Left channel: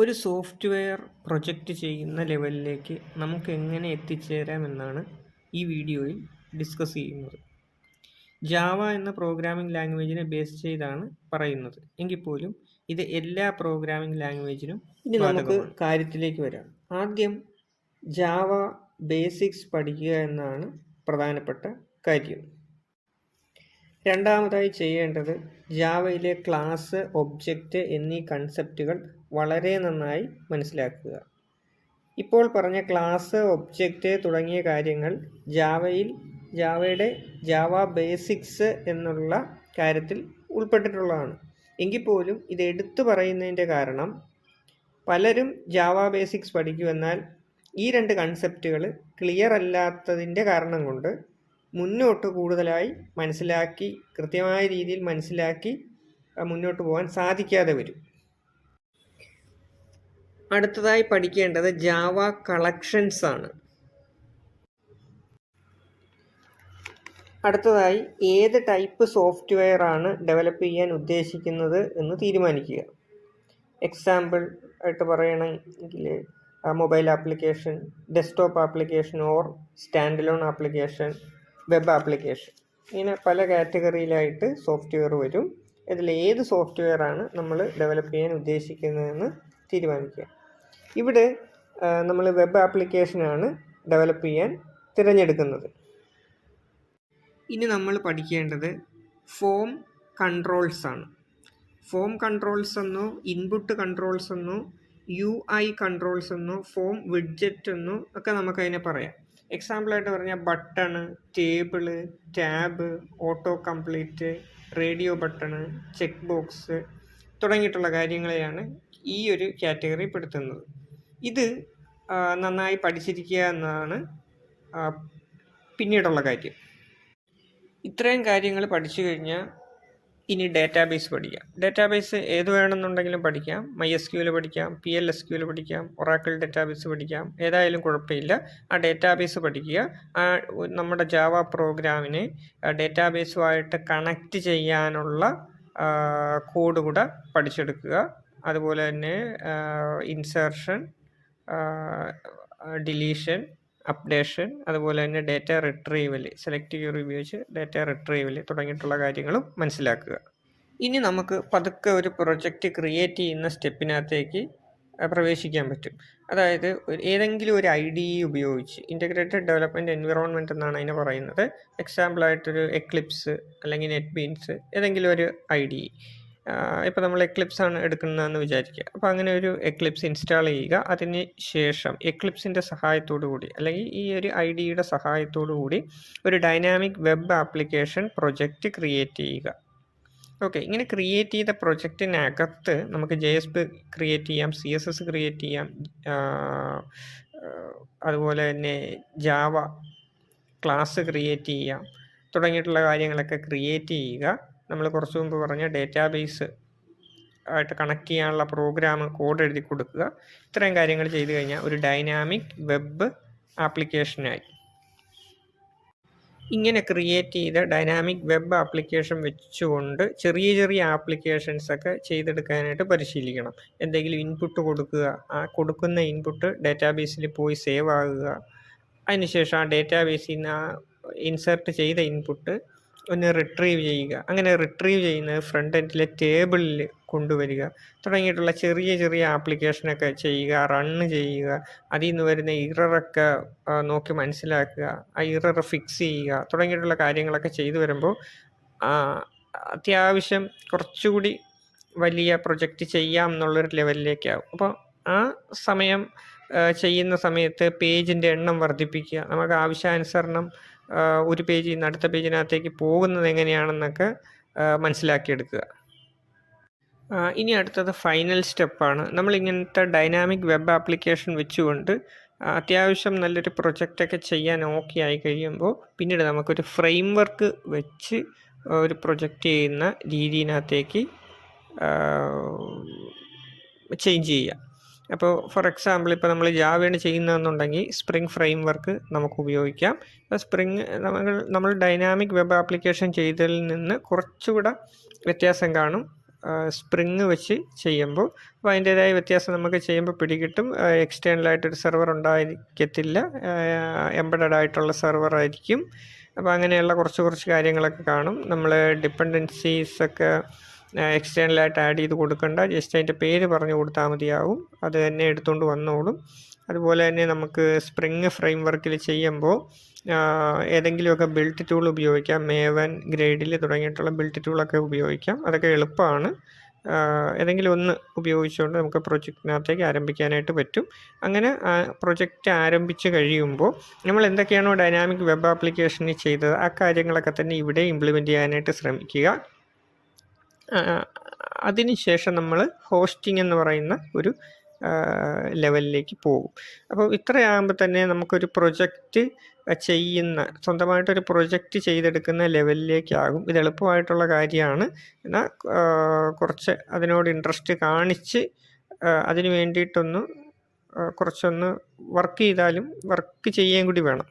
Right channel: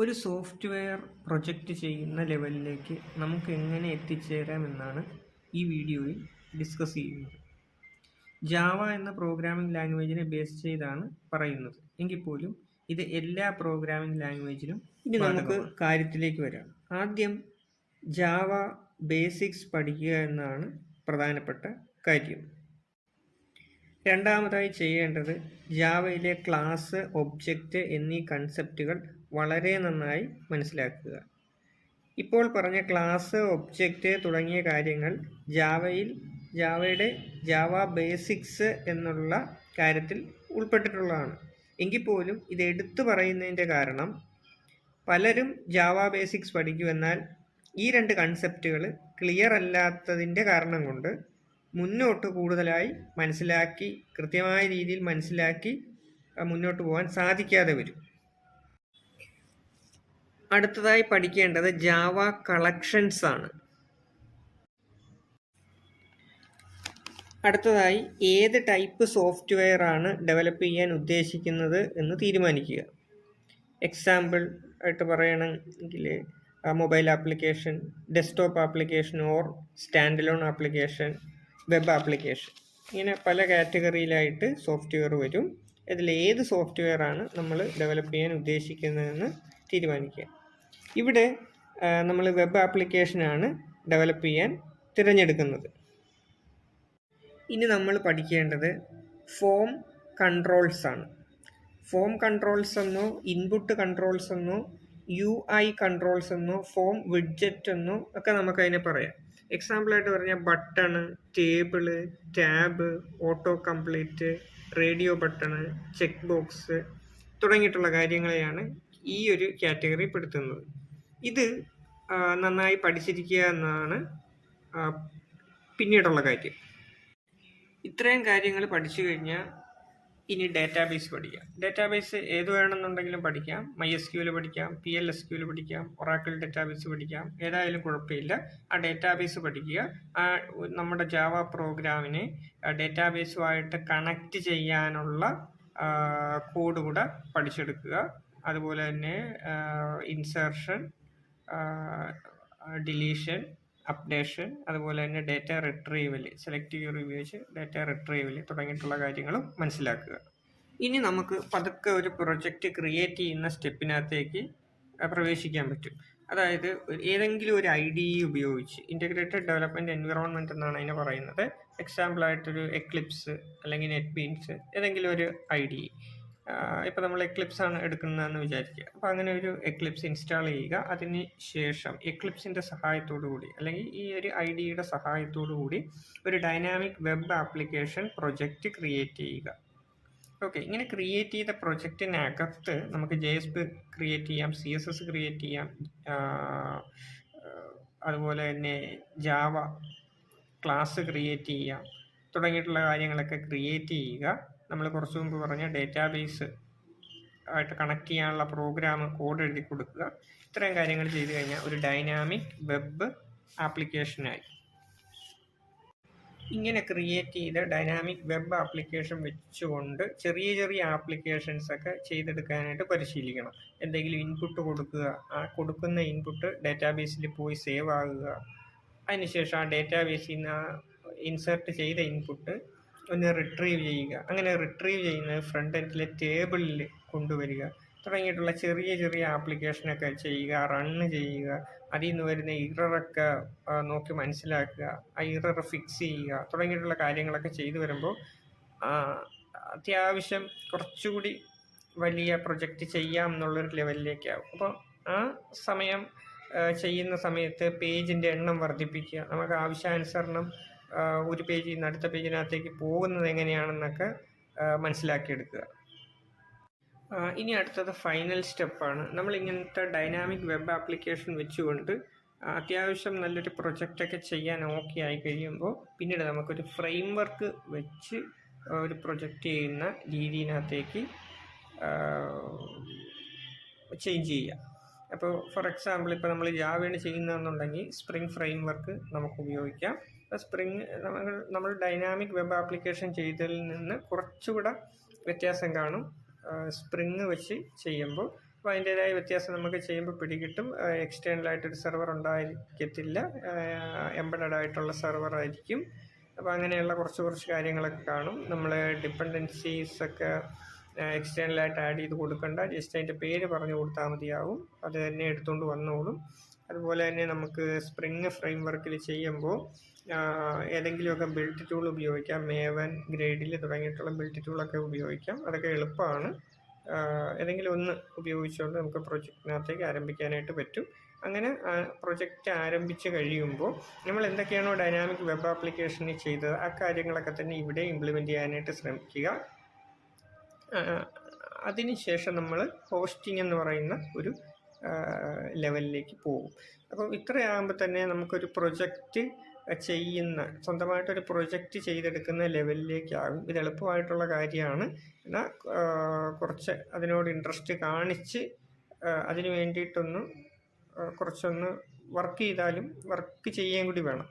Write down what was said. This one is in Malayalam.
ഒരു സോഫ്റ്റ്വെയർ പ്രൊജക്റ്റ് ചെയ്യുന്ന ലെവലിലേക്ക് നമുക്ക് എങ്ങനെ എത്തിച്ചേരാമെന്നാണ് ഈ വീഡിയോയിൽ ഡിസ്കസ് ചെയ്യുന്നത്. ജാവ എന്ന പ്രോഗ്രാമിംഗ് ലാംഗ്വേജിനെ ബേസ് ചെയ്താണ് പറയുന്നത് എങ്കിൽ പോലും ഇത് എല്ലാ പ്രോഗ്രാമിംഗ് ലാംഗ്വേജിനും. ഇനി നമുക്ക് കാര്യത്തിലേക്ക് വരാം. ആദ്യം ജാവ ബേസിക്സ് പഠിക്കുക എന്നാണ് പ്രധാനപ്പെട്ട കാര്യം. രണ്ടാമതായി ചെയ്യേണ്ടത് ജാവയിലെ ക്ലാസ്, ഒബ്ജക്റ്റ് എന്നീ കൺസെപ്റ്റുകൾ വളരെ നന്നായി മനസ്സിലാക്കുക. ഇപ്പോൾ പറഞ്ഞ ക്ലാസ്, ഒബ്ജക്റ്റ് തുടങ്ങിയ കാര്യങ്ങൾ ജാവയുടെ ജാവ ബേസിക്സ് എന്നുള്ള കാര്യത്തിൽ ഉൾപ്പെട്ടിട്ടുള്ളതാണ്. എങ്കിൽ പോലും ഇത് എടുത്തു പറയുന്നതിൻ്റെ കാരണം പലരും ജാവ ബേസിക്സ് പഠിക്കുമെന്നാൽ ഈ രണ്ട് കൺസെപ്റ്റുകൾ ക്ലിയർ അല്ലാത്തതിൻ്റെ കാരണം കൊണ്ട് മുന്നോട്ട് കൂടുതലായി മനസ്സിലാക്കി, കൃത്യമായ രീതിയിൽ മനസ്സിലാക്കി മുന്നോട്ട് പോകാൻ സാധിക്കാതെ വരും. അടുത്തതായി പഠിക്കേണ്ടത് ജാവ കളക്ഷൻസ് ആണ്. അടുത്തതായി ഏത് ടൈപ്പ് സോഫ്റ്റ്വെയർ ആണ് ഡെവലപ്പ് ചെയ്യാൻ ഉദ്ദേശിക്കുന്നത് എന്ന് തീരുമാനിക്കുക. എക്സാമ്പിൾ ആയിട്ട് പറയണമെങ്കിൽ mobile application, desktop application or stand alone application, web application, ഇങ്ങനെ പല കാറ്റഗറിയിലായിട്ട് സോഫ്റ്റ്വെയർ വരും. ഇതിൽ ഏത് സോഫ്റ്റ്വെയർ ആണ് നമ്മൾ ഡെവലപ്പ് ചെയ്യാൻ ഉദ്ദേശിക്കുന്നതെന്ന് തീരുമാനിക്കുക. ഇവിടെ നമ്മൾ വെബ് ആപ്ലിക്കേഷനാണ് ഡെവലപ്പ് ചെയ്യാൻ തിരഞ്ഞെടുക്കുന്നത്. ഇനി നമ്മൾ പഠിക്കേണ്ടത് ഫോം കൺട്രോൾസ് ആണ്. ഫോം കൺട്രോൾസ് എന്നോ ഇൻപുട്ട് കൺട്രോൾസ് എന്നോ UI കൺട്രോൾസ് എന്നോ ഫോം വിഡ്ജറ്റ് എന്നോ ഒക്കെ നമുക്കതിനെ പറയാം. എക്സാമ്പിളായിട്ട് പറഞ്ഞാൽ button, table, tab, auto complete, radio button, check box തുടങ്ങിയിട്ടുള്ള കാര്യങ്ങളെയാണ് ഈ ഒരു കാറ്റഗറി പെടുത്തുന്നത്. ഇത് നന്നായി പഠിച്ചിരിക്കുക എന്നതാണ് പിന്നീടുള്ള കാര്യം. ഇത്രയും കാര്യങ്ങൾ പഠിച്ചു കഴിഞ്ഞാൽ ഇനി ഡേറ്റാബേസ് പഠിക്കാം. ഡേറ്റാബേസ് ഏത് വേണമെന്നുണ്ടെങ്കിലും പഠിക്കാം. MySQL പഠിക്കാം, PLSQL പഠിക്കാം, ഒറാക്കിൾ ഡേറ്റാബേസ് പഠിക്കാം, ഏതായാലും കുഴപ്പമില്ല. ആ ഡേറ്റാബേസ് പഠിക്കുക. നമ്മുടെ ജാവ പ്രോഗ്രാമിനെ ഡേറ്റാബേസുമായിട്ട് കണക്റ്റ് ചെയ്യാനുള്ള കോഡ് കൂടെ പഠിച്ചെടുക്കുക. അതുപോലെ തന്നെ ഇൻസേർഷൻ, ഡിലീഷൻ, അപ്ഡേഷൻ, അതുപോലെ തന്നെ ഡേറ്റ റിട്രീവൽ, സെലക്റ്റീവ് ഉപയോഗിച്ച് ഡേറ്റ റിട്രീവൽ തുടങ്ങിയിട്ടുള്ള കാര്യങ്ങളും മനസ്സിലാക്കുക. ഇനി നമുക്ക് പതുക്കെ ഒരു പ്രൊജക്റ്റ് ക്രിയേറ്റ് ചെയ്യുന്ന സ്റ്റെപ്പിനകത്തേക്ക് പ്രവേശിക്കാൻ പറ്റും. അതായത് ഏതെങ്കിലും ഒരു IDE ഉപയോഗിച്ച്, ഇൻ്റഗ്രേറ്റഡ് ഡെവലപ്മെൻറ്റ് എൻവിറോൺമെൻറ്റ് എന്നാണ് അതിന് പറയുന്നത്. എക്സാമ്പിളായിട്ടൊരു എക്ലിപ്സ് അല്ലെങ്കിൽ നെറ്റ്ബീൻസ്, ഏതെങ്കിലും ഒരു IDE. ഇപ്പോൾ നമ്മൾ എക്ലിപ്സ് ആണ് എടുക്കുന്നതെന്ന് വിചാരിക്കുക. അപ്പോൾ അങ്ങനെ ഒരു എക്ലിപ്സ് ഇൻസ്റ്റാൾ ചെയ്യുക. അതിന് ശേഷം എക്ലിപ്സിൻ്റെ സഹായത്തോടു കൂടി അല്ലെങ്കിൽ ഈ ഒരു IDEയുടെ സഹായത്തോടു കൂടി ഒരു dynamic web application project create ചെയ്യുക. ഓക്കെ, ഇങ്ങനെ ക്രിയേറ്റ് ചെയ്ത പ്രൊജക്റ്റിനകത്ത് നമുക്ക് JSP ക്രിയേറ്റ് ചെയ്യാം, CSS ക്രിയേറ്റ് ചെയ്യാം, അതുപോലെ തന്നെ ജാവ ക്ലാസ് ക്രിയേറ്റ് ചെയ്യാം തുടങ്ങിയിട്ടുള്ള കാര്യങ്ങളൊക്കെ ക്രിയേറ്റ് ചെയ്യുക. നമ്മൾ കുറച്ച് മുമ്പ് പറഞ്ഞ ഡേറ്റാബേസ് ആയിട്ട് കണക്ട് ചെയ്യാനുള്ള പ്രോഗ്രാം കോഡ് എഴുതി കൊടുക്കുക. ഇത്രയും കാര്യങ്ങൾ ചെയ്തു കഴിഞ്ഞാൽ ഒരു ഡൈനാമിക് വെബ് ആപ്ലിക്കേഷനായി. ഇങ്ങനെ ക്രിയേറ്റ് ചെയ്ത ഡൈനാമിക് വെബ് ആപ്ലിക്കേഷൻ വെച്ചുകൊണ്ട് ചെറിയ ചെറിയ ആപ്ലിക്കേഷൻസൊക്കെ ചെയ്തെടുക്കാനായിട്ട് പരിശീലിക്കണം. എന്തെങ്കിലും ഇൻപുട്ട് കൊടുക്കുക, ആ കൊടുക്കുന്ന ഇൻപുട്ട് ഡേറ്റാബേസിൽ പോയി സേവ് ആകുക. അതിനുശേഷം ആ ഡേറ്റാബേസിൽ നിന്ന് ഇൻസേർട്ട് ചെയ്ത ഇൻപുട്ട് ഒന്ന് റിട്രീവ് ചെയ്യുക. അങ്ങനെ റിട്രീവ് ചെയ്യുന്നത് ഫ്രണ്ട് എൻഡിലെ ടേബിളിൽ കൊണ്ടുവരിക തുടങ്ങിയിട്ടുള്ള ചെറിയ ചെറിയ ആപ്ലിക്കേഷനൊക്കെ ചെയ്യുക, റണ്ണ് ചെയ്യുക. അതിൽ നിന്ന് വരുന്ന ഇററൊക്കെ നോക്കി മനസ്സിലാക്കുക, ആ ഇറർ ഫിക്സ് ചെയ്യുക തുടങ്ങിയിട്ടുള്ള കാര്യങ്ങളൊക്കെ ചെയ്തു വരുമ്പോൾ അത്യാവശ്യം കുറച്ചുകൂടി വലിയ പ്രൊജക്റ്റ് ചെയ്യാം എന്നുള്ളൊരു ലെവലിലേക്കാവും. അപ്പോൾ ആ സമയം ചെയ്യുന്ന സമയത്ത് പേജിൻ്റെ എണ്ണം വർദ്ധിപ്പിക്കുക. നമുക്ക് ആവശ്യാനുസരണം ഒരു പേജിൽ നിന്ന് അടുത്ത പേജിനകത്തേക്ക് പോകുന്നത് എങ്ങനെയാണെന്നൊക്കെ മനസ്സിലാക്കിയെടുക്കുക. ഇനി അടുത്തത് ഫൈനൽ സ്റ്റെപ്പാണ്. നമ്മളിങ്ങനത്തെ ഡൈനാമിക് വെബ് ആപ്ലിക്കേഷൻ വെച്ചുകൊണ്ട് അത്യാവശ്യം നല്ലൊരു പ്രൊജക്റ്റൊക്കെ ചെയ്യാൻ ഓക്കെ ആയി കഴിയുമ്പോൾ പിന്നീട് നമുക്കൊരു ഫ്രെയിം വർക്ക് വെച്ച് ഒരു പ്രൊജക്റ്റ് ചെയ്യുന്ന രീതിയിനകത്തേക്ക് ചേഞ്ച് ചെയ്യുക. അപ്പോൾ ഫോർ എക്സാമ്പിൾ ഇപ്പോൾ നമ്മൾ ജാവയാണ് ചെയ്യുന്നതെന്നുണ്ടെങ്കിൽ സ്പ്രിംഗ് ഫ്രെയിം വർക്ക് നമുക്ക് ഉപയോഗിക്കാം. സ്പ്രിംഗ് നമ്മൾ ഡൈനാമിക് വെബ് ആപ്ലിക്കേഷൻ ചെയ്തതിൽ നിന്ന് കുറച്ചുകൂടെ വ്യത്യാസം കാണും. സ്പ്രിങ് വെച്ച് ചെയ്യുമ്പോൾ അപ്പോൾ അതിൻ്റേതായ വ്യത്യാസം നമുക്ക് ചെയ്യുമ്പോൾ പിടികിട്ടും. എക്സ്റ്റേണലായിട്ടൊരു സെർവർ ഉണ്ടായിരിക്കത്തില്ല, എംബഡഡ് ആയിട്ടുള്ള സെർവർ ആയിരിക്കും. അപ്പോൾ അങ്ങനെയുള്ള കുറച്ച് കാര്യങ്ങളൊക്കെ കാണും. നമ്മൾ ഡിപ്പെൻഡൻസീസൊക്കെ എക്സ്റ്റേണലായിട്ട് ആഡ് ചെയ്ത് കൊടുക്കണ്ട, ജസ്റ്റ് അതിൻ്റെ പേര് പറഞ്ഞു കൊടുത്താൽ മതിയാവും, അത് തന്നെ എടുത്തുകൊണ്ട് വന്നോളും. അതുപോലെ തന്നെ നമുക്ക് സ്പ്രിങ് ഫ്രെയിം വർക്കിൽ ചെയ്യുമ്പോൾ ഏതെങ്കിലുമൊക്കെ ബിൽറ്റ് ടൂൾ ഉപയോഗിക്കാം. മേവൻ, ഗ്രേഡിൽ തുടങ്ങിയിട്ടുള്ള ബിൽറ്റ് ടൂളൊക്കെ ഉപയോഗിക്കാം. അതൊക്കെ എളുപ്പമാണ്. ഏതെങ്കിലും ഒന്ന് ഉപയോഗിച്ചുകൊണ്ട് നമുക്ക് പ്രൊജക്റ്റിനകത്തേക്ക് ആരംഭിക്കാനായിട്ട് പറ്റും. അങ്ങനെ പ്രൊജക്റ്റ് ആരംഭിച്ച് കഴിയുമ്പോൾ നമ്മൾ എന്തൊക്കെയാണോ ഡൈനാമിക് വെബ് ആപ്ലിക്കേഷനിൽ ചെയ്തത് ആ കാര്യങ്ങളൊക്കെ തന്നെ ഇവിടെ ഇംപ്ലിമെൻറ്റ് ചെയ്യാനായിട്ട് ശ്രമിക്കുക. അതിനുശേഷം നമ്മൾ ഹോസ്റ്റിംഗ് എന്ന് പറയുന്ന ഒരു ലെവലിലേക്ക് പോകും. അപ്പോൾ ഇത്രയാകുമ്പോൾ തന്നെ നമുക്കൊരു പ്രൊജക്റ്റ് സ്വന്തമായിട്ടൊരു പ്രൊജക്റ്റ് ചെയ്തെടുക്കുന്ന ലെവലിലേക്കാകും. ഇത് എളുപ്പമായിട്ടുള്ള കാര്യമാണ്. എന്നാൽ കുറച്ച് അതിനോട് ഇൻട്രസ്റ്റ് കാണിച്ച് അതിന് വേണ്ടിയിട്ടൊന്ന് കുറച്ചൊന്ന് വർക്ക് ചെയ്താലും വർക്ക് ചെയ്യുകയും കൂടി വേണം.